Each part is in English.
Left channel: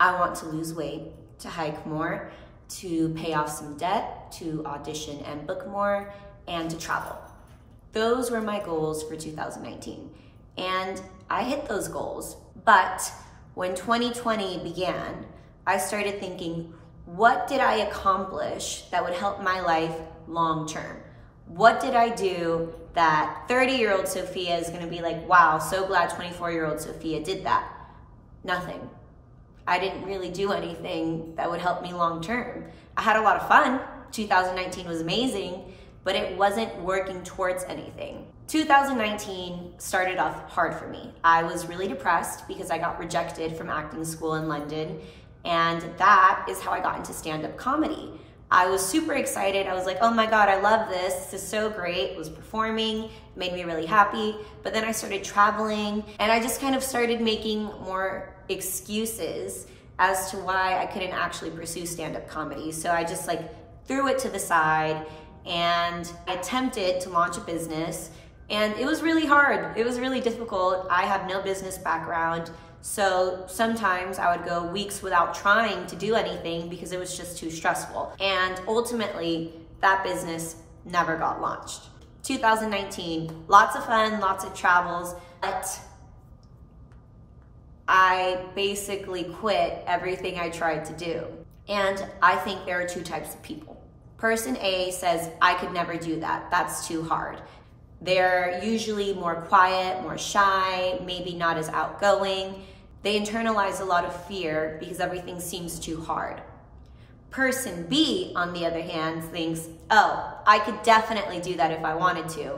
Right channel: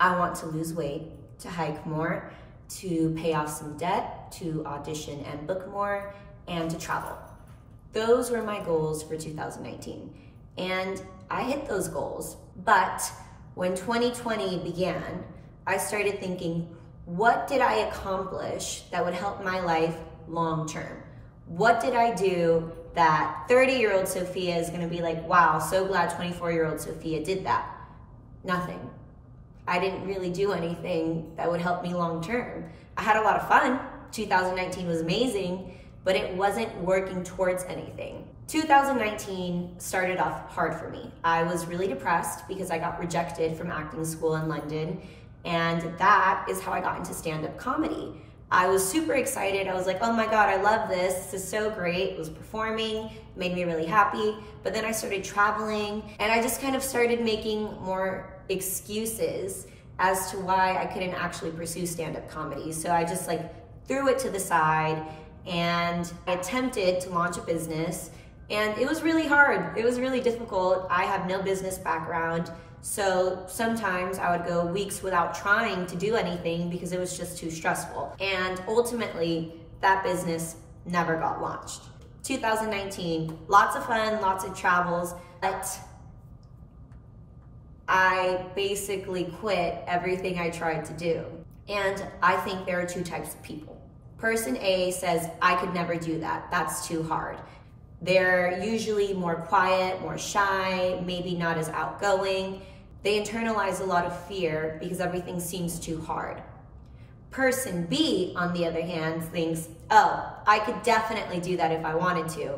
I want to lose weight, to hike more, to pay off some debt, to audition and book more, and to travel. Those were my goals for 2019. And I hit those goals. But when 2020 began, I started thinking, what did I accomplish that would help my life long term? What did I do that 30-year-old Sophia is gonna be like, wow, so glad 24-year-old Sophia did that? Nothing. I didn't really do anything that would help me long term. I had a lot of fun. 2019 was amazing, but it wasn't working towards anything. 2019 started off hard for me. I was really depressed because I got rejected from acting school in London, and that is how I got into stand-up comedy. I was super excited. I was like, oh my God, I love this. This is so great. It was performing, made me really happy. But then I started traveling, and I just kind of started making more excuses as to why I couldn't actually pursue stand-up comedy. So I just like threw it to the side, and I attempted to launch a business, and it was really hard. It was really difficult. I have no business background. So sometimes I would go weeks without trying to do anything because it was just too stressful. And ultimately, that business never got launched. 2019, lots of fun, lots of travels, but I basically quit everything I tried to do. And I think there are two types of people. Person A says, I could never do that. That's too hard. They're usually more quiet, more shy, maybe not as outgoing. They internalize a lot of fear because everything seems too hard. Person B, on the other hand, thinks, oh, I could definitely do that if I wanted to,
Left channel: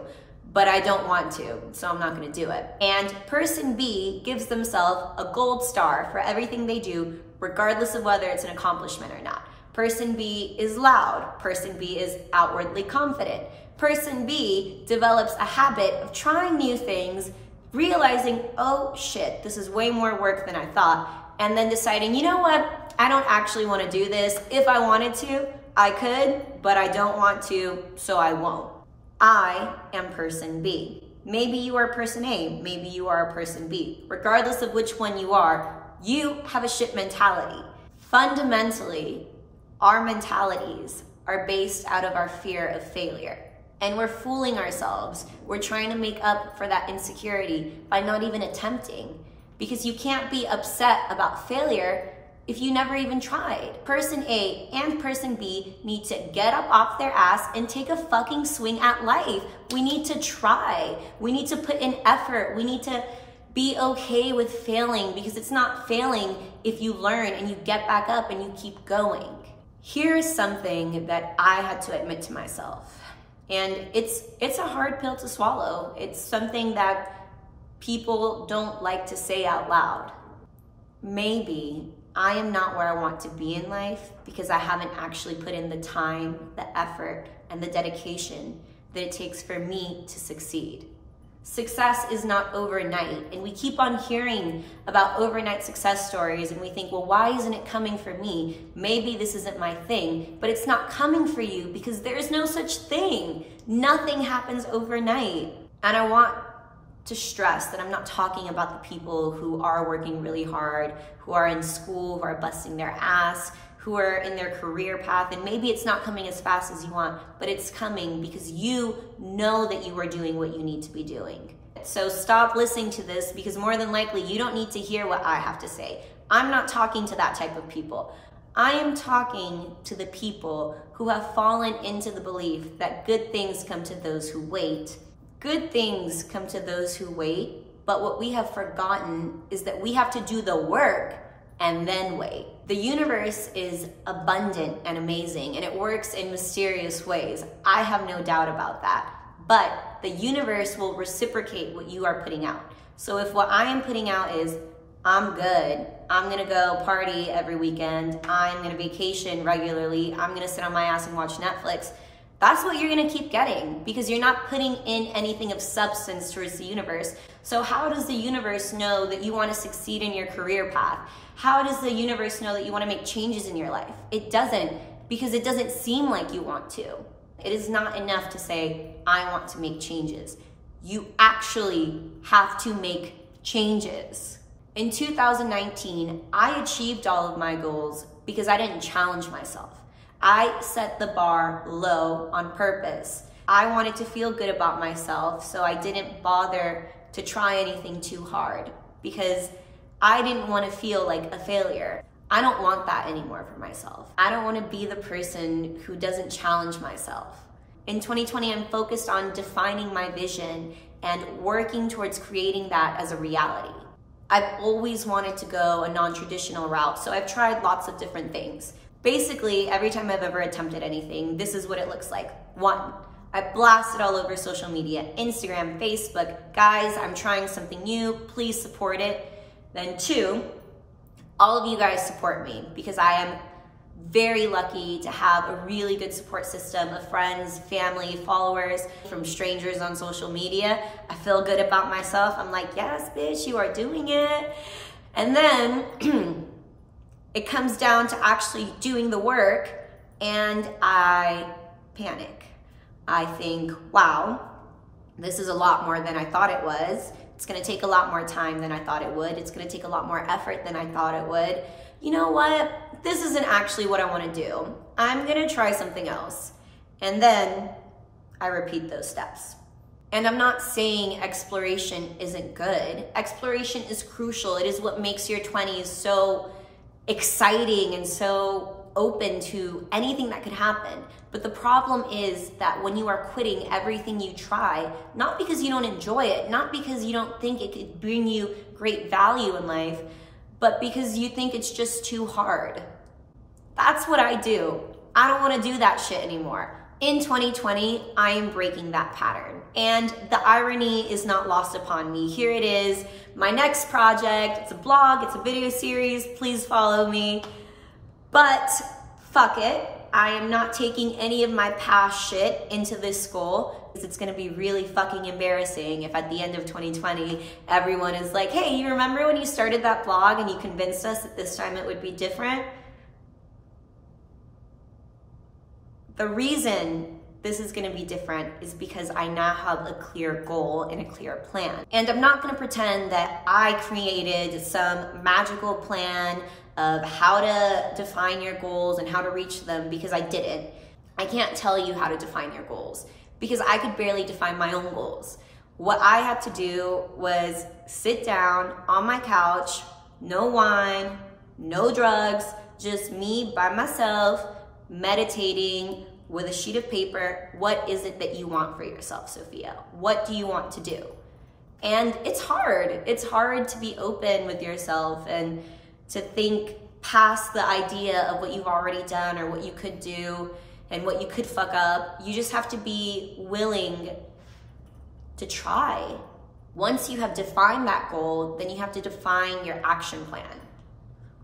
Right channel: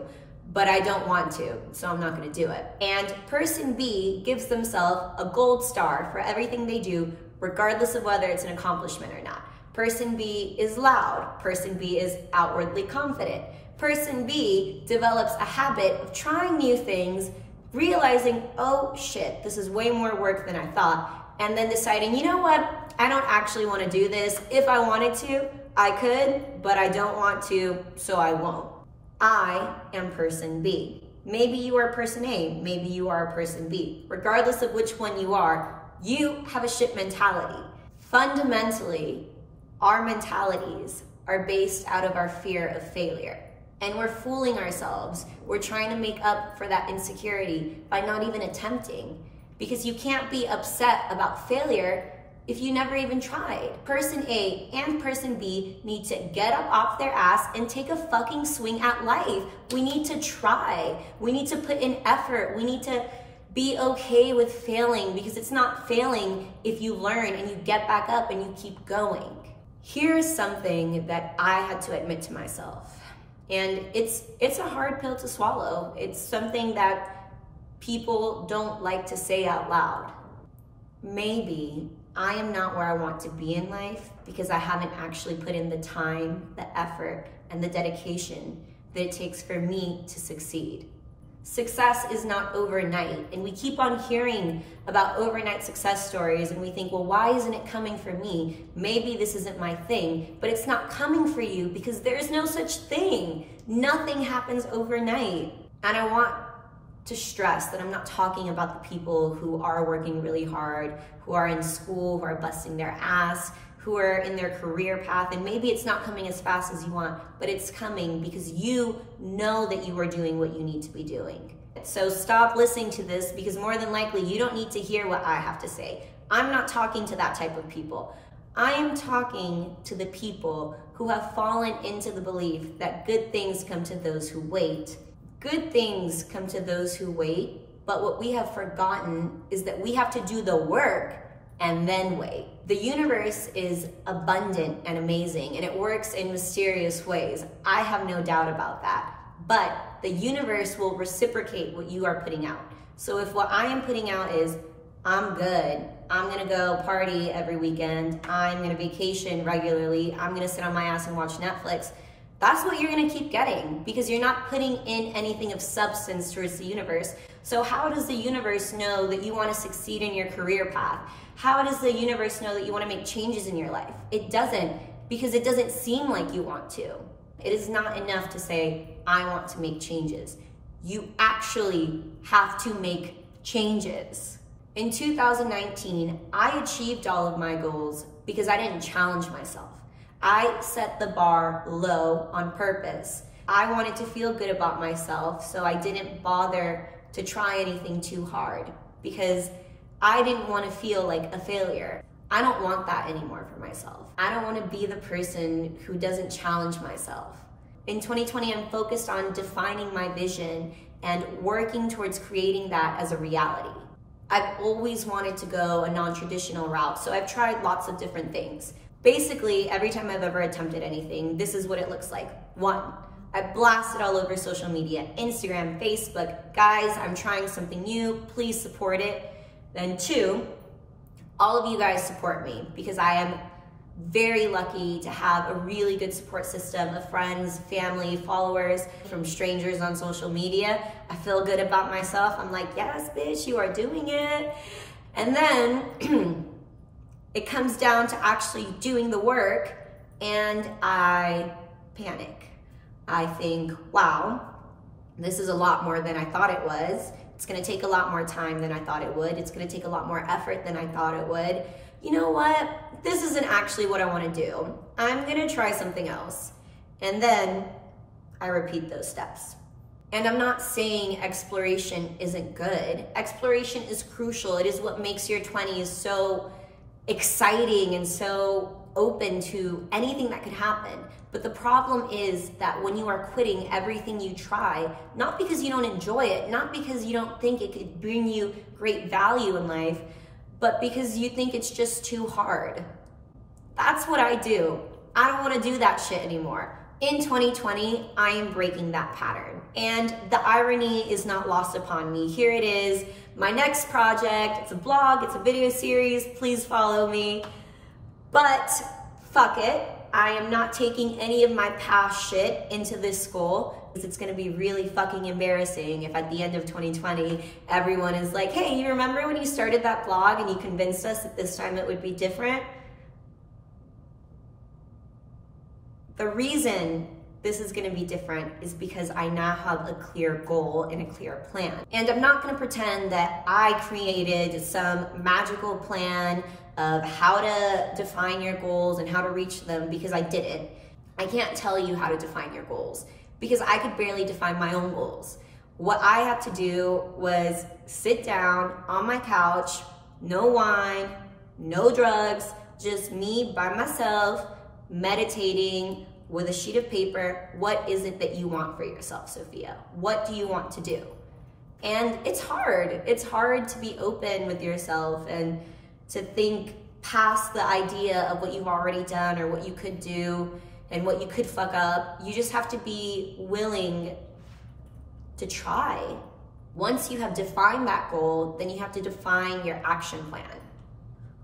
but I don't want to, so I'm not gonna do it. And person B gives themselves a gold star for everything they do, regardless of whether it's an accomplishment or not. Person B is loud. Person B is outwardly confident. Person B develops a habit of trying new things, realizing, oh shit, this is way more work than I thought, and then deciding, you know what, I don't actually want to do this. If I wanted to, I could, but I don't want to, so I won't. I am person B. Maybe you are person A, maybe you are person B. Regardless of which one you are, you have a shit mentality. Fundamentally, our mentalities are based out of our fear of failure. And we're fooling ourselves. We're trying to make up for that insecurity by not even attempting. Because you can't be upset about failure if you never even tried. Person A and person B need to get up off their ass and take a fucking swing at life. We need to try. We need to put in effort. We need to be okay with failing, because it's not failing if you learn and you get back up and you keep going. Here's something that I had to admit to myself. And it's a hard pill to swallow. It's something that people don't like to say out loud. Maybe I am not where I want to be in life because I haven't actually put in the time, the effort, and the dedication that it takes for me to succeed. Success is not overnight, and we keep on hearing about overnight success stories, and we think, well, why isn't it coming for me? Maybe this isn't my thing, but it's not coming for you because there's no such thing. Nothing happens overnight. And I want to stress that I'm not talking about the people who are working really hard, who are in school, who are busting their ass, who are in their career path, and maybe it's not coming as fast as you want, but it's coming because you know that you are doing what you need to be doing. So stop listening to this, because more than likely you don't need to hear what I have to say. I'm not talking to that type of people. I am talking to the people who have fallen into the belief that good things come to those who wait. Good things come to those who wait, but what we have forgotten is that we have to do the work and then wait. The universe is abundant and amazing, and it works in mysterious ways. I have no doubt about that. But the universe will reciprocate what you are putting out. So if what I am putting out is, I'm good, I'm gonna go party every weekend, I'm gonna vacation regularly, I'm gonna sit on my ass and watch Netflix, that's what you're gonna keep getting, because you're not putting in anything of substance towards the universe. So how does the universe know that you wanna succeed in your career path? How does the universe know that you wanna make changes in your life? It doesn't, because it doesn't seem like you want to. It is not enough to say, I want to make changes. You actually have to make changes. In 2019, I achieved all of my goals because I didn't challenge myself. I set the bar low on purpose. I wanted to feel good about myself, so I didn't bother to try anything too hard because I didn't want to feel like a failure. I don't want that anymore for myself. I don't want to be the person who doesn't challenge myself. In 2020, I'm focused on defining my vision and working towards creating that as a reality. I've always wanted to go a non-traditional route, so I've tried lots of different things. Basically, every time I've ever attempted anything, this is what it looks like. 1, I blast it all over social media, Instagram, Facebook. Guys, I'm trying something new, please support it. Then 2, all of you guys support me because I am very lucky to have a really good support system of friends, family, followers, from strangers on social media. I feel good about myself. I'm like, yes, bitch, you are doing it. And then it comes down to actually doing the work and I panic. I think, wow, this is a lot more than I thought it was. It's gonna take a lot more time than I thought it would. It's gonna take a lot more effort than I thought it would. You know what? This isn't actually what I want to do. I'm gonna try something else. And then I repeat those steps. And I'm not saying exploration isn't good. Exploration is crucial. It is what makes your 20s so exciting and so open to anything that could happen. But the problem is that when you are quitting everything you try, not because you don't enjoy it, not because you don't think it could bring you great value in life, but because you think it's just too hard. That's what I do. I don't want to do that shit anymore. In 2020, I am breaking that pattern. And the irony is not lost upon me. Here it is, my next project. It's a blog, it's a video series. Please follow me. But fuck it. I am not taking any of my past shit into this goal. It's gonna be really fucking embarrassing if at the end of 2020, everyone is like, hey, you remember when you started that blog and you convinced us that this time it would be different? The reason this is gonna be different is because I now have a clear goal and a clear plan. And I'm not gonna pretend that I created some magical plan of how to define your goals and how to reach them, because I didn't. I can't tell you how to define your goals because I could barely define my own goals. What I had to do was sit down on my couch, no wine, no drugs, just me by myself, meditating with a sheet of paper. What is it that you want for yourself, Sophia? What do you want to do? And it's hard. It's hard to be open with yourself and to think past the idea of what you've already done or what you could do and what you could fuck up. You just have to be willing to try. Once you have defined that goal, then you have to define your action plan.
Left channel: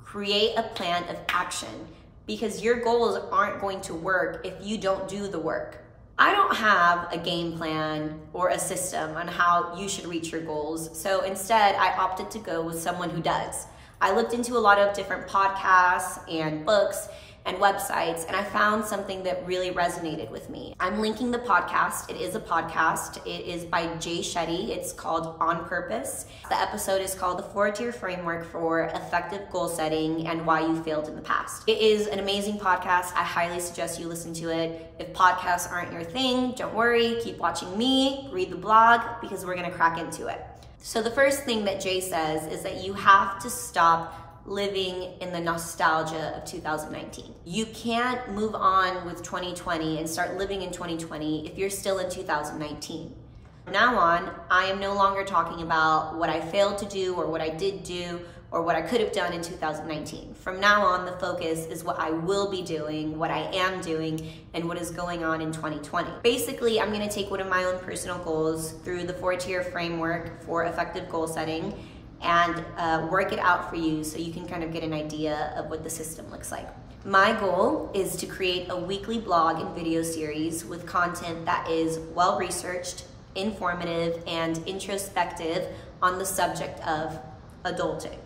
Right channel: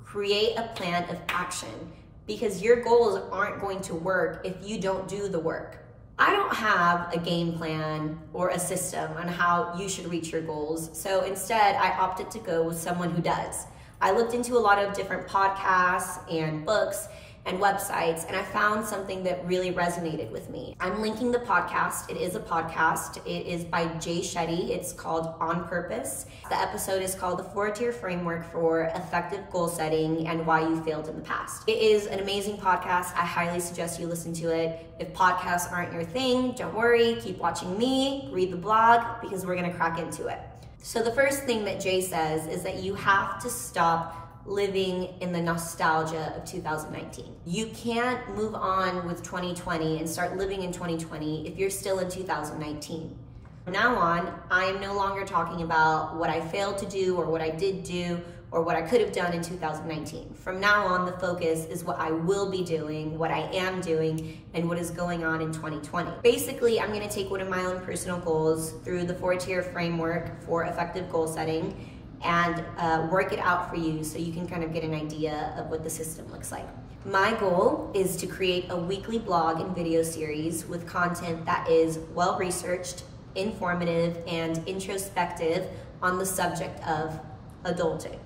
Create a plan of action, because your goals aren't going to work if you don't do the work. I don't have a game plan or a system on how you should reach your goals, so instead I opted to go with someone who does. I looked into a lot of different podcasts and books and websites, and I found something that really resonated with me. I'm linking the podcast. It is a podcast. It is by Jay Shetty. It's called On Purpose. The episode is called The 4-Tier Framework for Effective Goal Setting and Why You Failed in the Past. It is an amazing podcast. I highly suggest you listen to it. If podcasts aren't your thing, don't worry. Keep watching me, read the blog, because we're gonna crack into it. So the first thing that Jay says is that you have to stop living in the nostalgia of 2019. You can't move on with 2020 and start living in 2020 if you're still in 2019. From now on, I am no longer talking about what I failed to do or what I did do or what I could have done in 2019. From now on, the focus is what I will be doing, what I am doing, and what is going on in 2020. Basically, I'm gonna take one of my own personal goals through the 4-tier framework for effective goal setting and work it out for you so you can kind of get an idea of what the system looks like. My goal is to create a weekly blog and video series with content that is well-researched, informative, and introspective on the subject of adulting.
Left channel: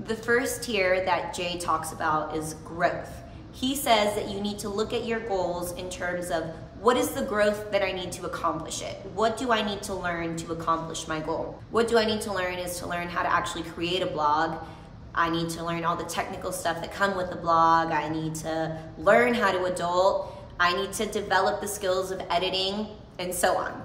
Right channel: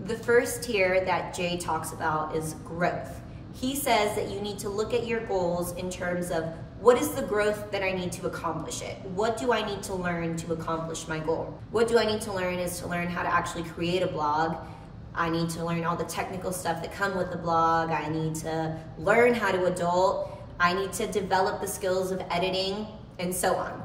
The first tier that Jay talks about is growth. He says that you need to look at your goals in terms of what is the growth that I need to accomplish it? What do I need to learn to accomplish my goal? What do I need to learn is to learn how to actually create a blog. I need to learn all the technical stuff that come with the blog. I need to learn how to adult. I need to develop the skills of editing, and so on.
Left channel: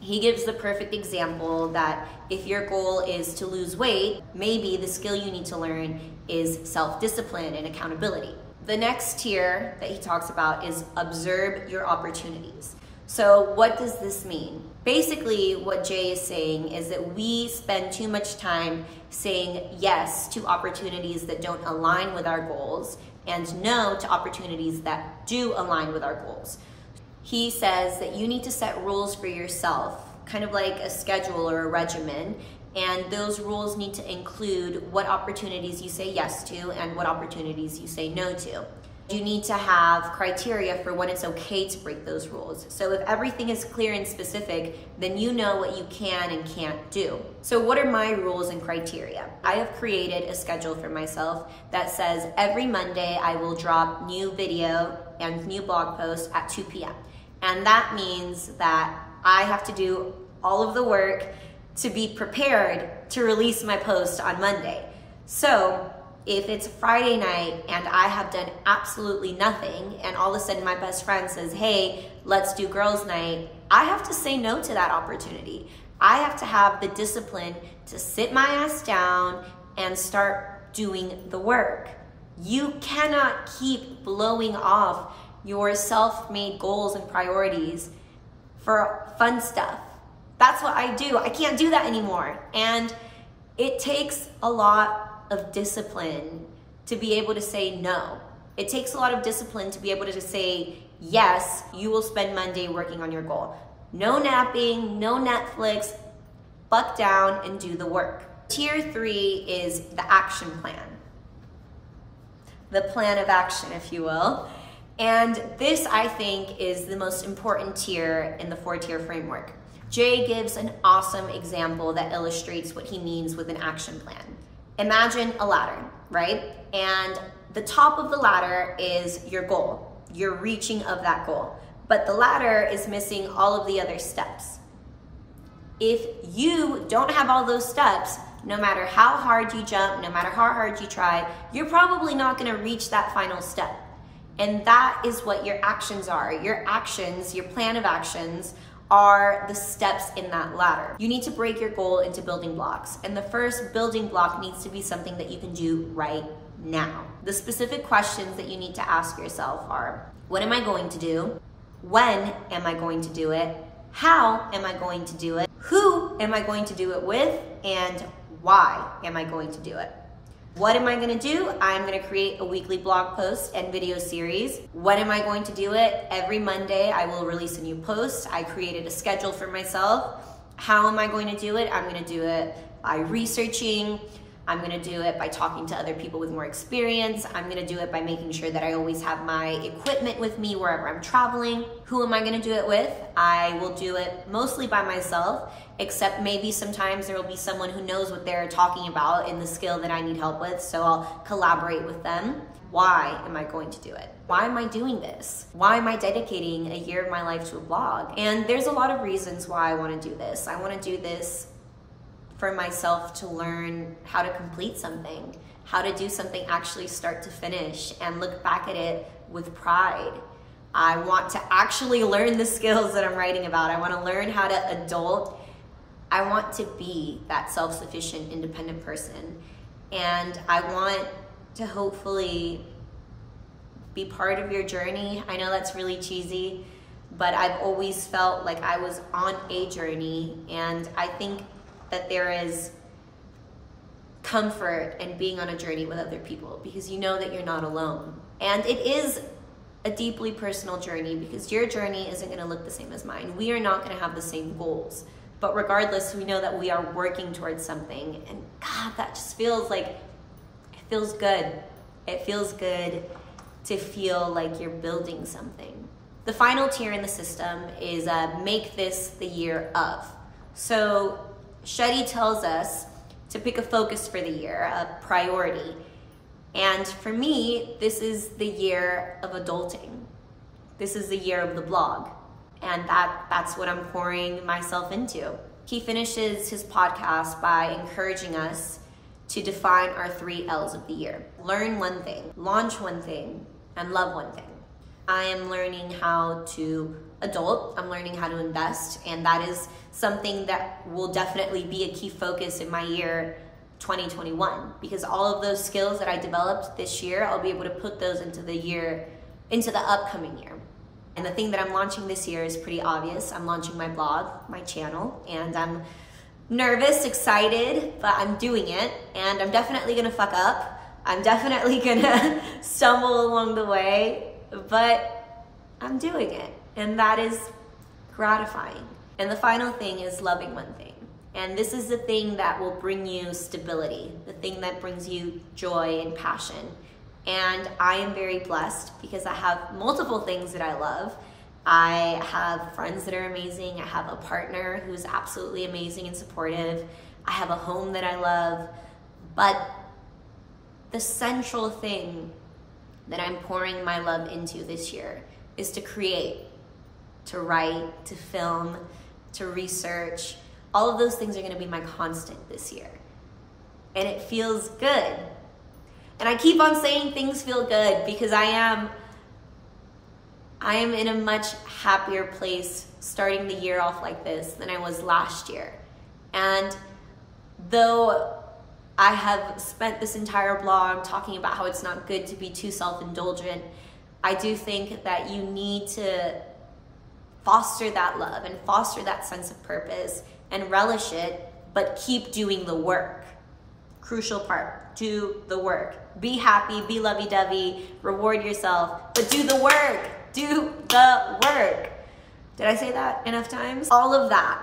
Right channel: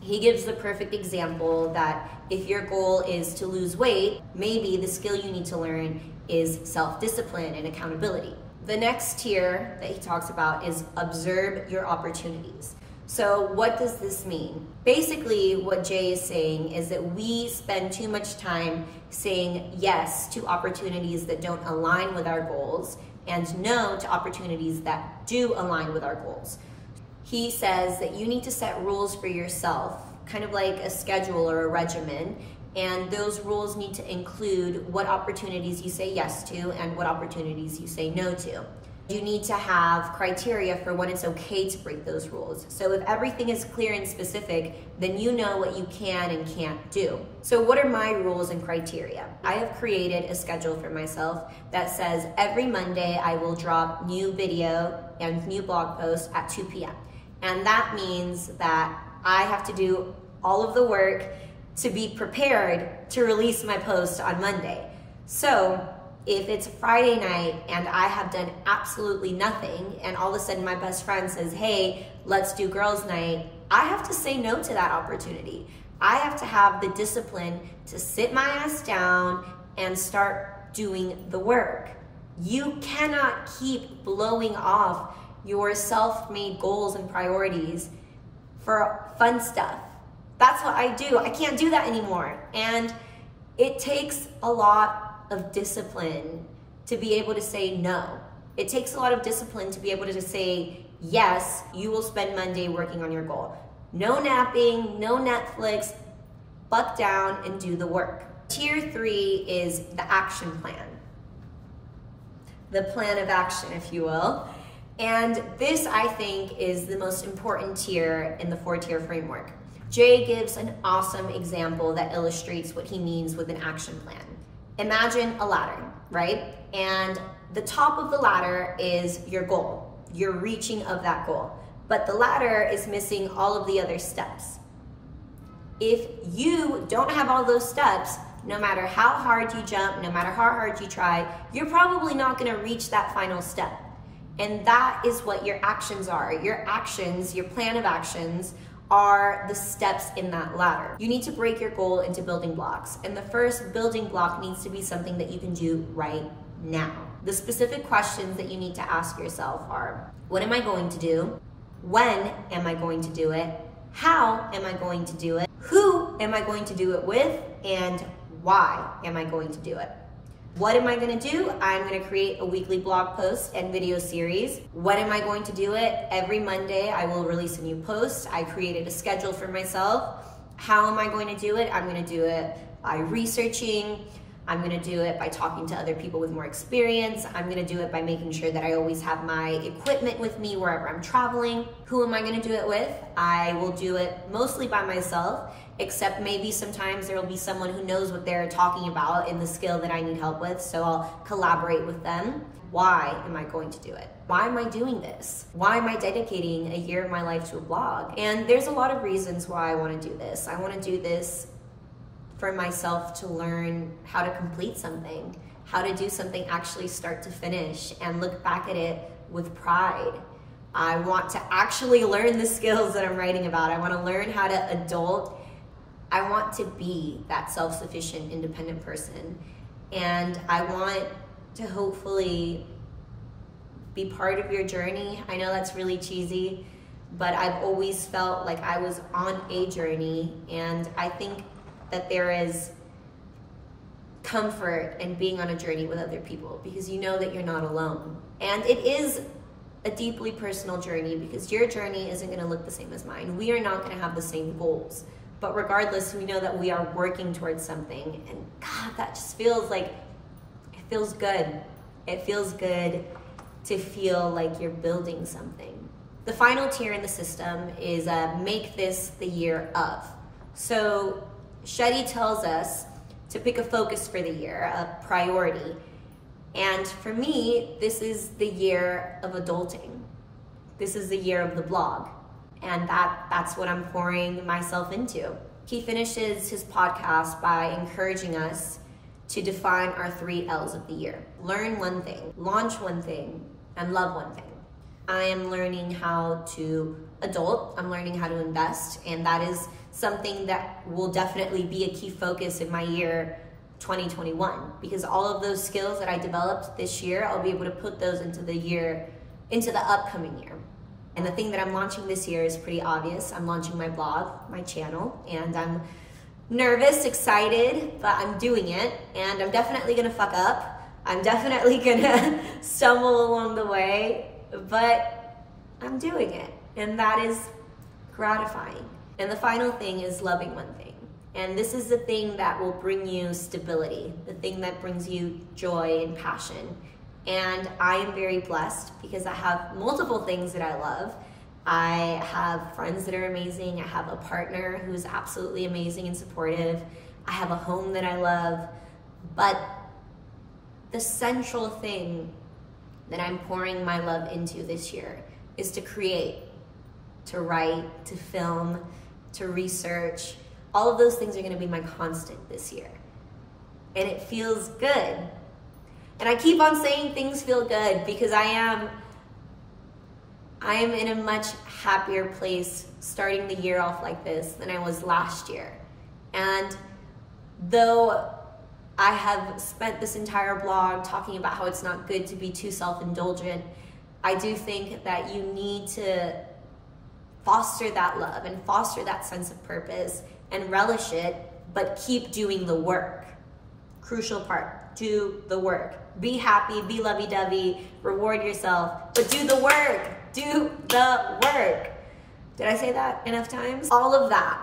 He gives the perfect example that if your goal is to lose weight, maybe the skill you need to learn is self-discipline and accountability. The next tier that he talks about is observe your opportunities. So what does this mean? Basically, what Jay is saying is that we spend too much time saying yes to opportunities that don't align with our goals and no to opportunities that do align with our goals. He says that you need to set rules for yourself, kind of like a schedule or a regimen, and those rules need to include what opportunities you say yes to and what opportunities you say no to. You need to have criteria for when it's okay to break those rules. So if everything is clear and specific, then you know what you can and can't do. So what are my rules and criteria? I have created a schedule for myself that says every Monday I will drop new video and new blog posts at 2 p.m. And that means that I have to do all of the work to be prepared to release my post on Monday. So if it's Friday night and I have done absolutely nothing and all of a sudden my best friend says, hey, let's do girls' night, I have to say no to that opportunity. I have to have the discipline to sit my ass down and start doing the work. You cannot keep blowing off your self-made goals and priorities for fun stuff. That's what I do. I can't do that anymore. And it takes a lot of discipline to be able to say no. It takes a lot of discipline to be able to say, yes, you will spend Monday working on your goal. No napping, no Netflix, buck down and do the work. Tier 3 is the action plan. The plan of action, if you will. And this, I think, is the most important tier in the 4-tier framework. Jay gives an awesome example that illustrates what he means with an action plan. Imagine a ladder, right? And the top of the ladder is your goal, your reaching of that goal. But the ladder is missing all of the other steps. If you don't have all those steps, no matter how hard you jump, no matter how hard you try, you're probably not gonna reach that final step. And that is what your actions are. Your actions, your plan of actions, are the steps in that ladder. You need to break your goal into building blocks. And the first building block needs to be something that you can do right now. The specific questions that you need to ask yourself are, what am I going to do? When am I going to do it? How am I going to do it? Who am I going to do it with? And why am I going to do it? What am I gonna do? I'm gonna create a weekly blog post and video series. When am I going to do it? Every Monday I will release a new post. I created a schedule for myself. How am I going to do it? I'm gonna do it by researching. I'm gonna do it by talking to other people with more experience. I'm gonna do it by making sure that I always have my equipment with me wherever I'm traveling. Who am I gonna do it with? I will do it mostly by myself, except maybe sometimes there will be someone who knows what they're talking about in the skill that I need help with, so I'll collaborate with them. Why am I going to do it? Why am I doing this? Why am I dedicating a year of my life to a blog? And there's a lot of reasons why I want to do this. I want to do this for myself to learn how to complete something, how to do something actually start to finish and look back at it with pride. I want to actually learn the skills that I'm writing about. I want to learn how to adult. I want to be that self-sufficient, independent person. And I want to hopefully be part of your journey. I know that's really cheesy, but I've always felt like I was on a journey, and I think that there is comfort in being on a journey with other people because you know that you're not alone. And it is a deeply personal journey because your journey isn't gonna look the same as mine. We are not gonna have the same goals. But regardless, we know that we are working towards something, and God, that just feels like, it feels good. It feels good to feel like you're building something. The final tier in the system is make this the year of. So Shetty tells us to pick a focus for the year, a priority. And for me, this is the year of adulting. This is the year of the blog. And that's what I'm pouring myself into. He finishes his podcast by encouraging us to define our 3 L's of the year. Learn one thing, launch one thing, and love one thing. I am learning how to adult, I'm learning how to invest, and that is something that will definitely be a key focus in my year 2021, because all of those skills that I developed this year, I'll be able to put those into the upcoming year. And the thing that I'm launching this year is pretty obvious. I'm launching my blog, my channel, and I'm nervous, excited, but I'm doing it, and I'm definitely gonna fuck up. I'm definitely gonna stumble along the way, but I'm doing it, and that is gratifying. And the final thing is loving one thing. And this is the thing that will bring you stability, the thing that brings you joy and passion. And I am very blessed because I have multiple things that I love. I have friends that are amazing. I have a partner who's absolutely amazing and supportive. I have a home that I love. But the central thing that I'm pouring my love into this year is to create, to write, to film, to research. All of those things are gonna be my constant this year. And it feels good. And I keep on saying things feel good because I am in a much happier place starting the year off like this than I was last year. And though I have spent this entire blog talking about how it's not good to be too self-indulgent, I do think that you need to foster that love and foster that sense of purpose and relish it, but keep doing the work. Crucial part, do the work. Be happy, be lovey-dovey, reward yourself, but do the work, do the work. Did I say that enough times? All of that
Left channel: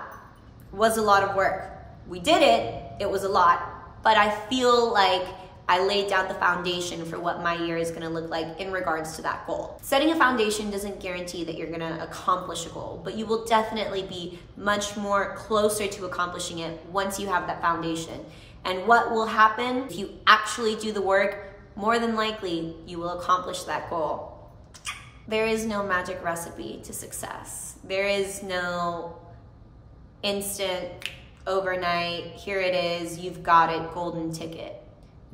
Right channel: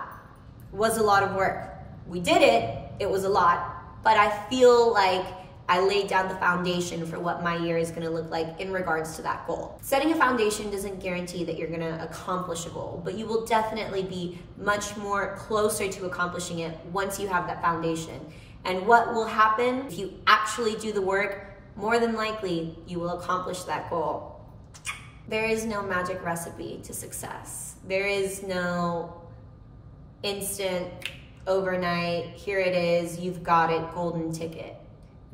was a lot of work. We did it, it was a lot, but I feel like I laid down the foundation for what my year is gonna look like in regards to that goal. Setting a foundation doesn't guarantee that you're gonna accomplish a goal, but you will definitely be much more closer to accomplishing it once you have that foundation. And what will happen if you actually do the work, more than likely you will accomplish that goal. There is no magic recipe to success. There is no instant, overnight, here it is, you've got it, golden ticket.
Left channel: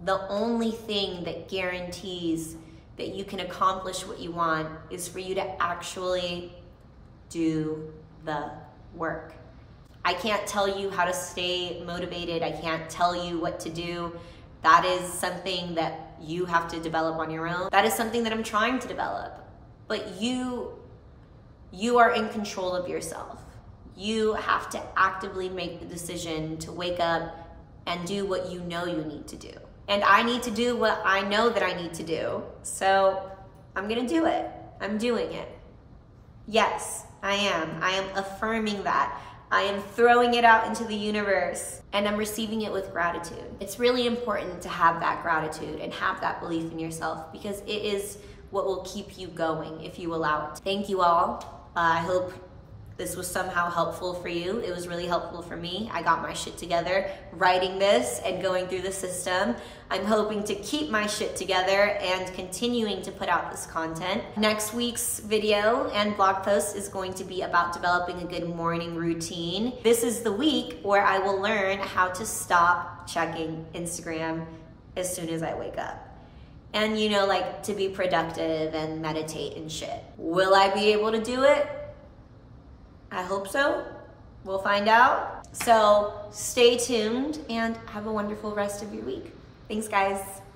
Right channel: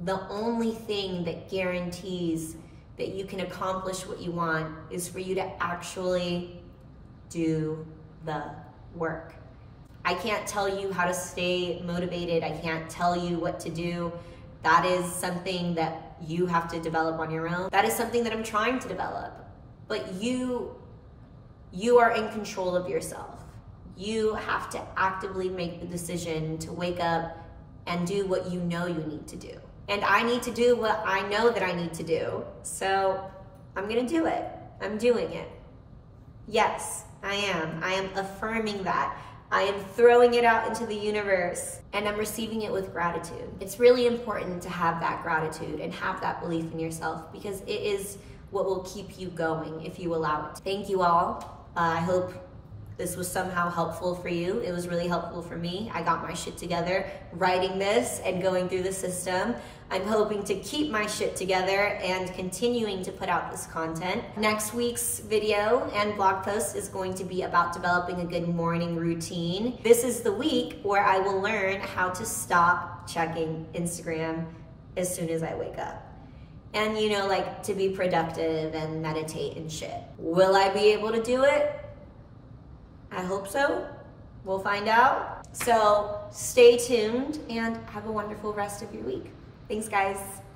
The only thing that guarantees that you can accomplish what you want is for you to actually do the work. I can't tell you how to stay motivated. I can't tell you what to do. That is something that you have to develop on your own. That is something that I'm trying to develop. But you are in control of yourself. You have to actively make the decision to wake up and do what you know you need to do. And I need to do what I know that I need to do. So I'm gonna do it. I'm doing it. Yes, I am. I am affirming that. I am throwing it out into the universe and I'm receiving it with gratitude. It's really important to have that gratitude and have that belief in yourself because it is what will keep you going if you allow it. Thank you all. I hope this was somehow helpful for you. It was really helpful for me. I got my shit together writing this and going through the system. I'm hoping to keep my shit together and continuing to put out this content. Next week's video and blog post is going to be about developing a good morning routine. This is the week where I will learn how to stop checking Instagram as soon as I wake up. And you know, like to be productive and meditate and shit. Will I be able to do it? I hope so. We'll find out. So stay tuned and have a wonderful rest of your week. Thanks, guys.